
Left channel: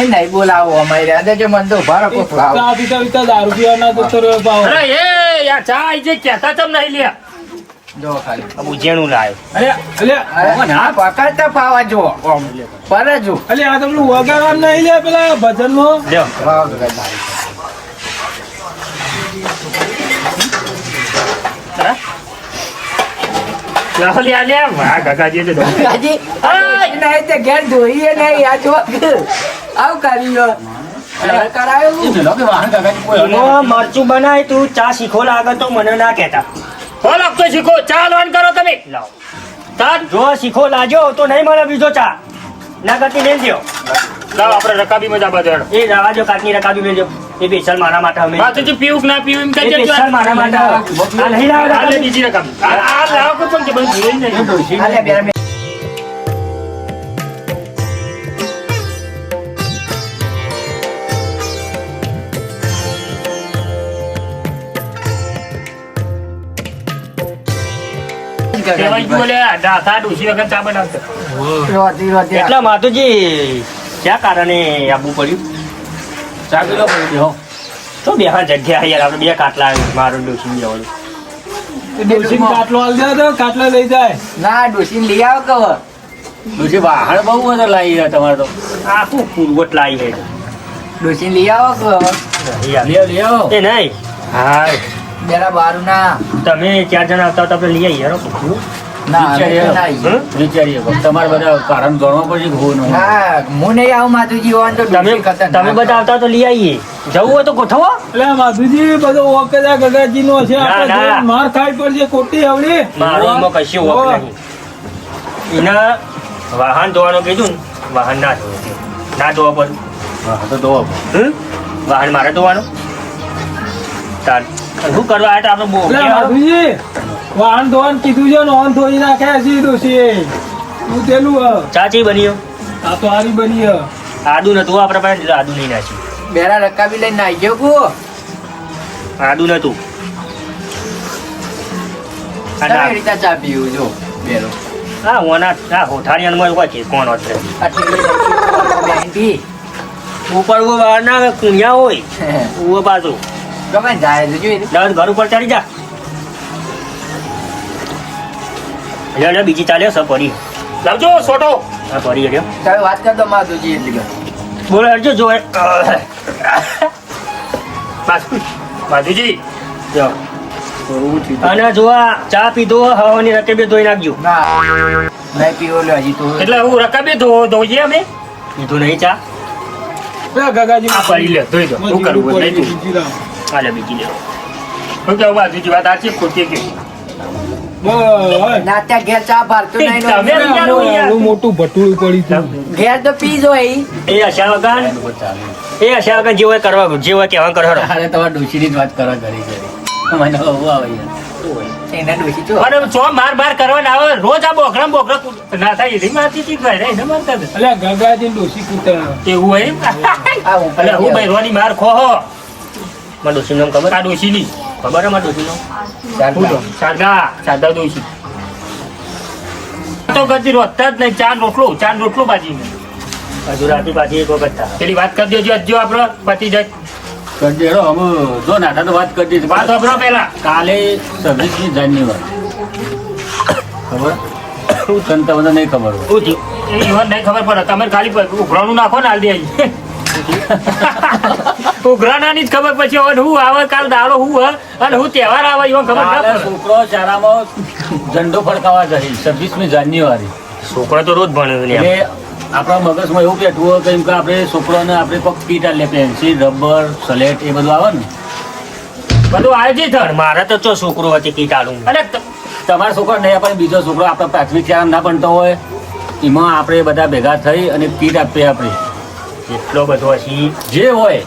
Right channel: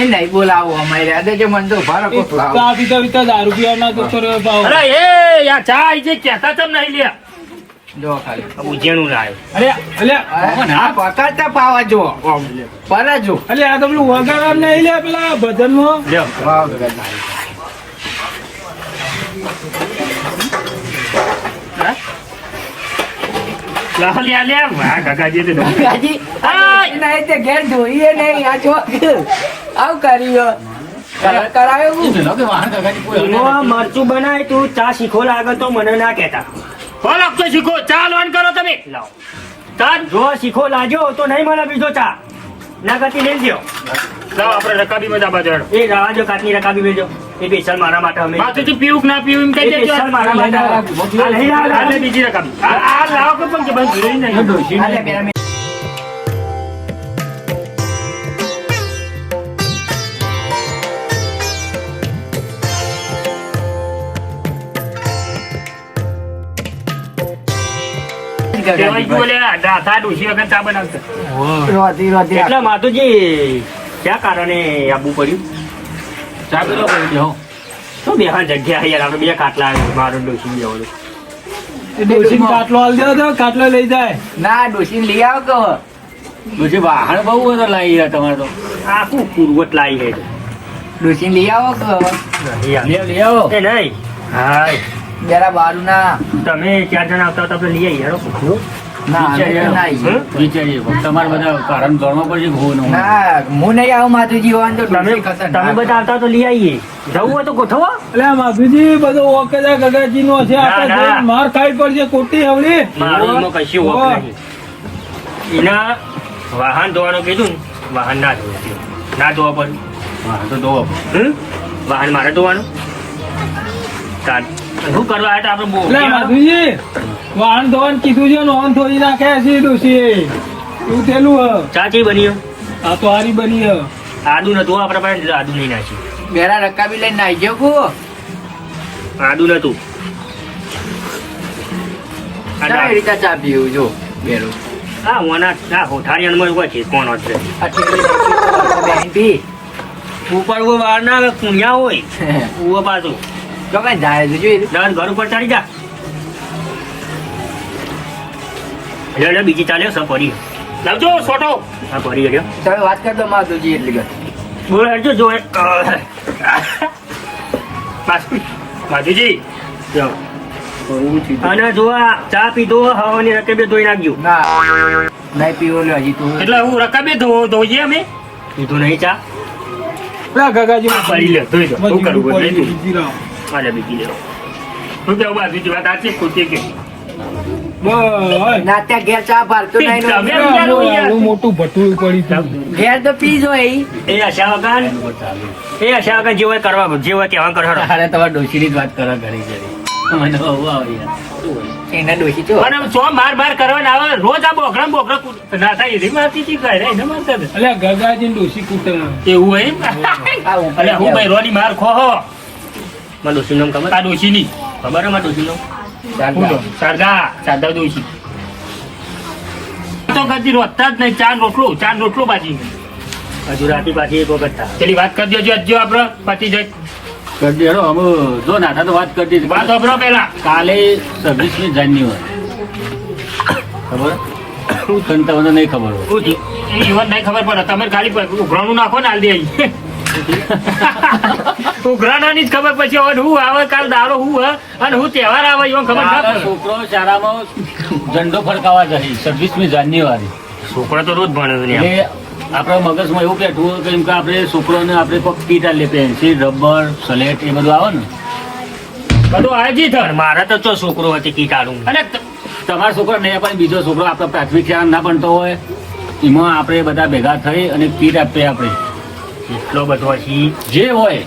એ નહીં બોલાવો અમારી રાધે જો મને તો ઉભા રાખો થોડા. ચા પીતા પીતા દારૂ પીવાના તો સર ભાવ. અરે એ યાર ચા આઈ છે કહેતા તમ નહીં લ્યા. જો ખાલી ઉજેણું લાય. અરે એટલે હા પકડતા પાવા જો પર જો એટલે આ તો પેલું વગાડા નહીં લે પેલા ભજનમાં. લ્યો. વાવ લાવો લ્યા લ્યા વાહ ગગાજી તો ડર. ગાજી નહીં તો ઘેર ધોઈએ નહીં આ જો આવું કર્યો કરાયો પેલો કે વાહન ગગાજી કોઈ હલે એમાં નથી. મરચું બનાય તું ચા શીખો લાગે તો મને ના કહેતા. ફોન આપતો શીખો ચા લોન કરો તમે. લાવો. તાર જો શીખો લાજો તો નહીં મળે બીજો ચા. ના કરતી મેલ દ્યો. લાવ આપણે રકાબી મજા બાજુ હેડો. એ રાવા જો કાચની રકાબી મેલજો. એ સ્પેશિયલ મારા માટે અમે. માથેથી પીવું કે ના પીવું એમ એ કહી દેજો. સ્પેશિયલ મારા માટે. આ લઈ આવો, આલે લાવો. બીજી રકાબી. આ લાવો કે પણ કે બંધ થઈ નહીં. અલે બે કહેવાય ગયું લે નાથા ડોશી વગર ચા બનાવતો રોતી રોતી એટલા માતુજી ક્યાં કારણે આવવું પડ્યું ચા પી લો પછી હો તો બેહવા જગ્યા યાર આપણે બે કાટલા મારું ડોસી જવાનું ડોશીને કાટલો આલ દે તો કાટલો લઈ જાય ના ડોશીને લઈ આવો કહો પછી વાહણ બહુ બધો લાવી છે તમારે તો આખું પૂર્વટ લાવી છે ડોશીને લઈ આવો કહો લઈ આવો એ નહીં હાય બેરા બારું ના તમે 4 જણા આવતા હતા આપણે લઈ આવીએ યાર ના અમે તો ના આવીએ. વિચારીએ તમારે બધા કારણ જાણવા પડશે કે હું ના હું નહીં આવું માતુજી હોવાનું તો તમે ડોશી ખતરનાક. તમે બધા આવતા તો લઈ આવીએ જવું હોય તો ગોઠવો એટલે માધુજી બધો ઓકેલા ગગાજી નો છે ના, આપણે ના. જોઈને માર ખાઈ પડશે ખોટી આવડી મારું એમાં કશું ઓહ. હોક નહીં એના વાહન ધોવાનું કીધું ને વાહન ના ધોવે ના ધોવા પડે હા તો દો વાહન મારે ધોવાનું તાન શું કરવા આવ્યા હતા આપણે એટલે માધુજી વાહન ધોવાનું કીધું છે ને ઓન થોડી નાખ્યા છે ડોશીએ એવું તેલું હ ચાચી બની આ તો હારી બની હ આદુ નતું આપણા પાસે આદુ નહીં નાખ્યું બેરા રકાબી લઈને નાઈ ગયો કુ આદુ નતું કેવી રીતે ચા પીવું જો બેરો હા ઓના આ હોઠારીયામાં હોય છે કોણ હશે આટલી પી ઉપર ઉભો બહાર ના આવે, કુણ્યા હોય ઉભો પાછો ગમે જાય તો જોઈ લે. દાદ ઘર ઉપર ચડી જા એટલે બીજી ચાલ્યો સર પડી લાવજો સોટો હા પડી ગયો તમે વાત કર દો માતુજી એટલી ઘણી. બોલ હરજો જો માધુજી જાઓ. અને જો આ ચા પીધો હવાની રકેબે ધોઈ નાખજો ના નહીં પીવો લે હજી તો એટલે હું રકાબે ધોઈએ અમે પીધું નહીં ચા એટલે ગગાજી આ પડી લે ધોઈ દો શું કરવું હોય નહીં બીજી લાવો. આલે બીજી લેવો શું કેવું બાજુજી વાત સાચી ખોટી કે બસ ના ત્યાં ઘેર ચા ભારતો નહીં નો. તમે આનું મોટું ભટું પડી હતું ઘેર તો પીજો એ આશા વગર એ આશા વગર જેવો કરવા જેવો કહેવા કરો અરે તમારે ડોશીની જ વાત કરવા ઘડી છે મને બહુ આવે યાર. એના ડોશી તો અરે ચો માર કરવા ના આવે રોજ આ બોકડા ના થાય એવી મારતી હતી ઘરે એને મારતા હતા. એટલે ગગાજી ડોશી કૂટે એવું હોય આ ઉપર એટલે હું ભાઈ રોની માર ખો હો મારા ડોશી નામ ખબર આ ડોશીની ખબર હે મારા ડોશી નામ શારદા ડોશી તો કરતી રોતા જ નહીં ચાર રોટલો બાજી હજુ રાતી પાછી એક વખત થાય પેલી વાત કરી દેજો અજ્જો આપડે પતિ જાય કરી દેડો અમે જો નાથા તો વાત કરી દીધી વાત સાંભળો પેલા કાલે 26મી જાન્યુઆરી ખબર શું તને તમને નહીં ખબર હોય શું થયું એ ઈવન નહીં ખબર પડે તમે ખાલી ઉઘરાણું નાખો ને હાલ દે ઉઘરાણાની જ ખબર પછી હવે હું આવે કાલ દાડો હું અને હું તહેવાર આવે ઈવન ખબર ના મારા પડે છોકરો શાળામાં ઝંડો ફરકાવા જઈ 26મી જાન્યુઆરી છોકરો તો રોજ ભણે એટલે આપણા મગજમાં એવું બેઠું હોય કે એમ કે આપણે છોકરોને આપણે કોઈક કીટ આલે પેન્સિલ રબર સ્લેટ એ બધું આવે ને બધું આયોજિત પણ મારા તો ચો છોકરો હતી કીટ આલું અને તમારો છોકરો નહીં પણ બીજો છોકરો આપણો પ્રાથમિક શાળા ના ભણતો હોય એમાં આપણે બધા ભેગા થઈ અને કીટ આપીએ આપણે એટલો બધો હજી જે હોય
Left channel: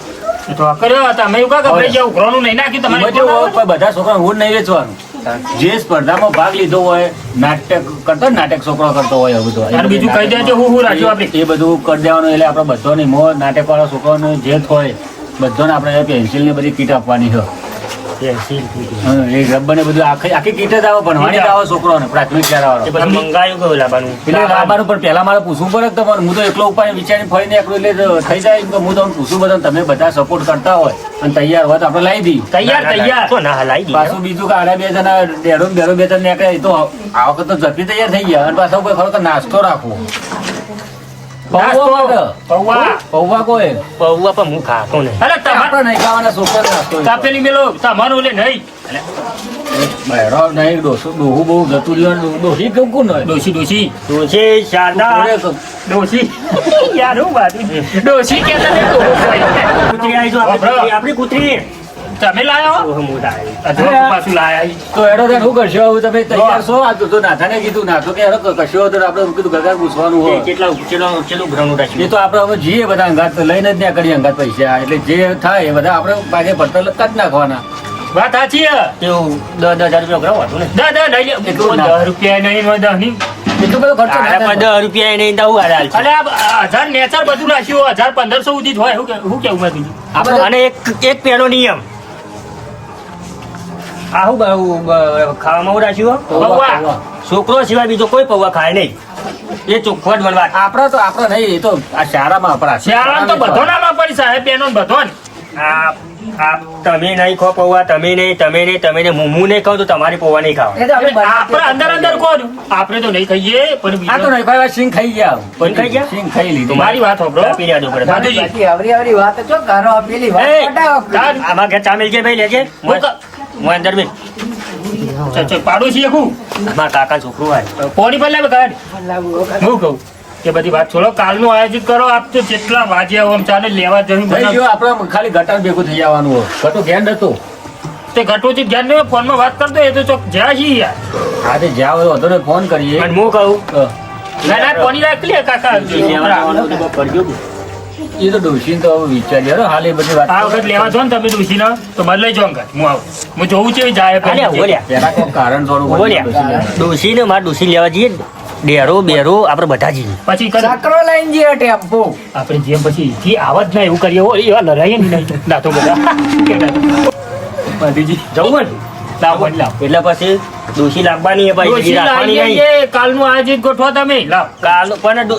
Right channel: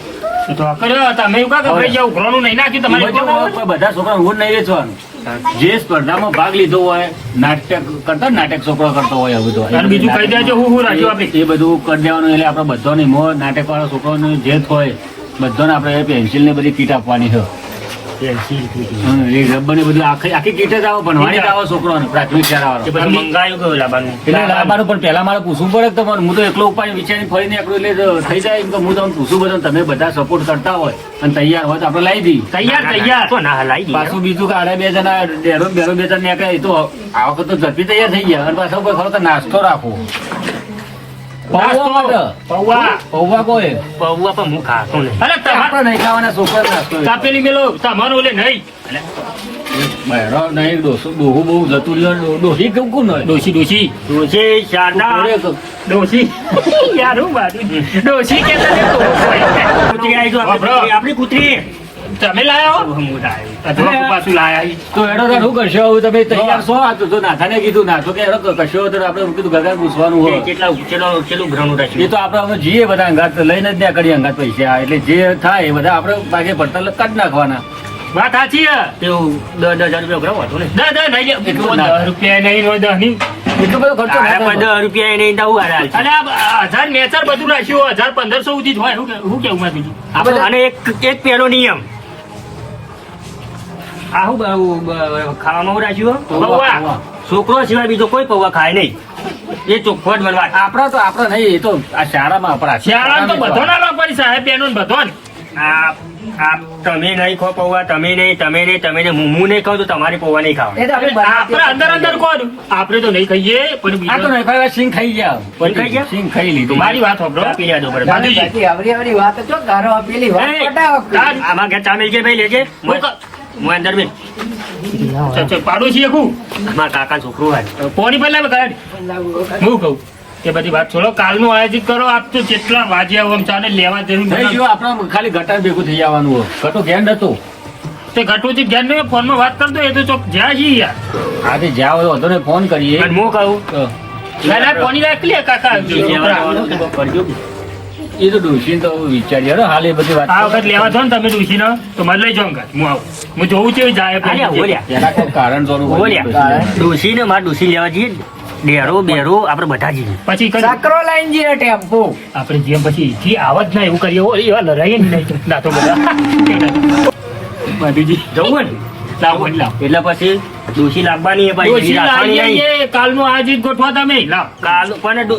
એ તો કર્યો તમે એવું કા ગભરાઈ જાવ ઉઘરાણું નહીં નાખ્યું એમાં તમારે જેવું હોય, પણ બધા છોકરાને હું નહીં વેચવાનું જે સ્પર્ધામાં ભાગ લીધો હોય નાટક કરતો ને, નાટક છોકરો કરતો હોય એવું બધું અને બીજું કહી દેજો હું રાખ્યું આપણે એ બધું કરી દેવાનું એટલે આપણે બધાને નાટક વાળા છોકરાને જે હોય બધાને આપણે પેન્સિલ ને બધી કીટ આપવાની હોય પેન્સિલ હા, એ રબર ને બધું આખી કીટ જ આવે ભણવાની જ આવે છોકરોને પ્રાથમિક શાળા વાળા મંગાયું કયું લાવવાનું એટલે લાવવાનું પણ પહેલા મારે પૂછવું પડે કે તમારે હું તો એકલો ઉપાય વિચારી ફરીને એકલો એટલે થઈ જાય એમ કે હું તમને પૂછું બધા તમે બધા સપોર્ટ કરતા હોય અને તૈયાર હોય તો આપણે લાવી દઈએ તૈયાર ના હલાઈ દઈએ પાછું બીજું કે આડા બે જણા બેરો બે જણ નીકળે એ તો આ વખત તો ઝડપી તૈયાર થઈ ગયા અને પાછો કોઈ ખરો નાસ્તો રાખવો પૌવા માટે. પૌવા પૌવા કોઈ પૌવા પણ હું ખાતો નહીં અરે તમારે આપણે નહીં ખાવાના છોકરા નાસ્તો તાપેલી મેલો તમારું લે નહીં બહેરો નહીં ડોસું ડોહું બહુ જતું રહ્યો ડોસી કેવું કોણ હોય ડોશી તુલસી શારદા ડોશી યાર હું બાજુ ડોશી કે કૂતરી આવી તો આપણી કૂતરી તમે લાયો હું લાવ્યો. હજુ પાછું લાયા તો એનો તો શું કરશો હવે તમે તૈયાર છો આ તો નાથાને કીધું નાથો કે એનો કશો હોય તો આપણે કીધું ગગા પૂછવાનું હોય કેટલા કેટલું ઘણું એ રાખ્યું તો આપણે હવે જઈએ બધા અંગાત લઈને જ ત્યાં કરીએ અંગાત પૈસા એટલે જે થાય એ બધા આપણે ભાગે પડતર કાઢી નાખવાના વાત સાચી હે તેવું 10,000 રૂપિયા ઘણો હતું ને દા નહીં લે એટલું ના. 10 રૂપિયા નહીં હોય 10 નહીં એટલો બધો ખર્ચો ના થાય. 10 રૂપિયા એને દઉં હાલ અલે આ 1000 નેચર બધું નાખ્યું 1500 સુધી જ હોય હું કેવું માં બીજું આપણે અને એક પહેલો નિયમ આવું ખાવામાં રાખ્યું પૌવા, પૌવા. પૌવા. છોકરો સિવાય બીજો કોઈ પૌવા ખાય નહીં એ ચોખ્ખો જ બનવા આપણા નહીં એ તો આ શાળામાં આપણા શિયાળામાં તો બધો ના લો પડી સાહેબ બેનો ને બધો ને. તમે નહીં ખો પૌવા તમે નહીં હું નહીં ખાવ તો તમારી પૌવા નહીં ખાવ એ તો આપણે આપણે અંદર અંદર કોણ આપણે તો નહીં ખાઈએ પણ આ તો બીજો નહીં ખાવા સિંગ ખાઈ ગયા સિંગ ખાઈ ગયા? સિંગ ખાઈ લીધી મારી વાત સાંભળો. પી લેજો પડે. માધુજી, બાકી આવરી વાત તો કરો પેલી વાત એ, પટાવો. આમાં ઘેર ચા મિલકે ભાઈ લેજે હું અંદર મિલ પાડું છીએ હું મારા કાકા છોકરું હોય કોની પર લાવે કાઢ હું કહું કે બધી વાત છોડો કાલનું આયોજિત કરો આપ તો જેટલા વાગ્યા આમ ચાલે લેવા જવું નહીં, જો આપણે ખાલી ગટર ભેગું થઈ જવાનું હોય ગટો ઘેર હતો તે ઘટોજી જ્ઞાન નો ફોનમાં વાત કરતો એ તો ચોક જ્યાં છીએ યાર આજે જ્યાં હોય હતો ને ફોન કરીએ પણ હું કહું ના ના કોની રાખ લે કાકા લેવા જવાનું તો કોક કરજો. એ તો ડોશીને તો હવે વિચારીએ હો, હાલ એ બધી વાત આ વખત લેવા છો ને તમે ડુસી તો મને લઈ જાઓ હું આવું હું જોઉં છું એ જાય બોલ્યા, બોલ્યા. પેલા કોઈ કારણ જોડવું પડે બોલ્યા ડોશીને મારે ડોશી લેવા જઈએ ડેરો બેરો આપણે બધા જઈએ પછી કરી સાકરો લઈને જઈએ ટેમ્પો. આપણે જેમ પછી જે આવત ના એવું કરીએ હો, એવા લડાઈએ ને નહીં ના તો બધા બીજી જવું ને લાવ મને લાવ એટલે પછી ડોશી લાવવાની એ ભાઈ ડોશી રાખવાની લાવી નહીં. દઈએ, કાલનું આયોજિત ગોઠવા તમે લાવ કાલ પણ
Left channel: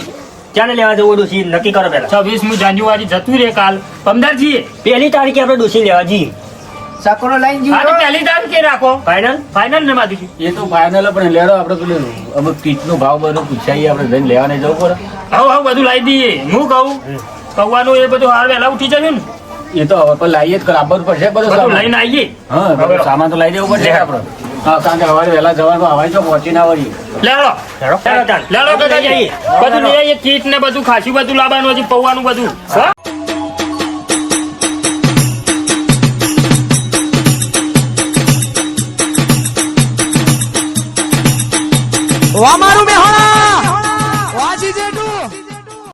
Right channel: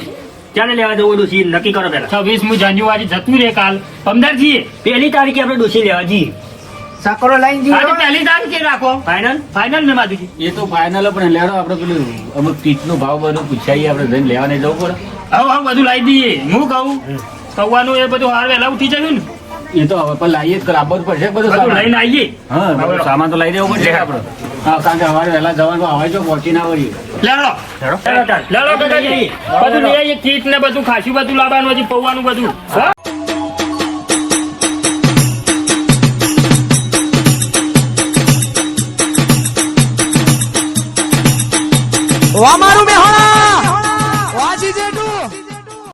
ક્યારે લેવા જવું ડોશી નક્કી કરો પેલા 26મી જાન્યુઆરી જતું રે કાલ 15 છીએ 1 તારીખે આપણે ડોશી લેવા જઈએ સાકરો લઈને આ તો જઈએ. પહેલી તારીખે રાખો ફાઇનલ ફાઇનલ ને માધુજી એ તો ફાઇનલ પણ લેડો આપણે પેલું અમુક ટીચનો ભાવ બધું પૂછાઈએ આપણે જઈને લેવા નહીં જવું પડે હવે બધું લાવી દઈએ હું કહું કૌવાનું એ બધું હાર વહેલા ઉઠી જાય ને એ તો હવે પણ લાવીએ જ આપવું પડશે બધું બધું સામાન. લઈને આવીએ હા બધું સામાન તો લઈ દેવું પડશે આપણે હા કારણ કે સવારે વહેલા જવાનું હવાઈ જો પહોંચી ના વળીએ લેલો લેલો કાકાજી બધું લઈ આવીએ કીટ ને બધું ખાસી બધું લાવવાનું હજી પૌવાનું બધું હો અમારું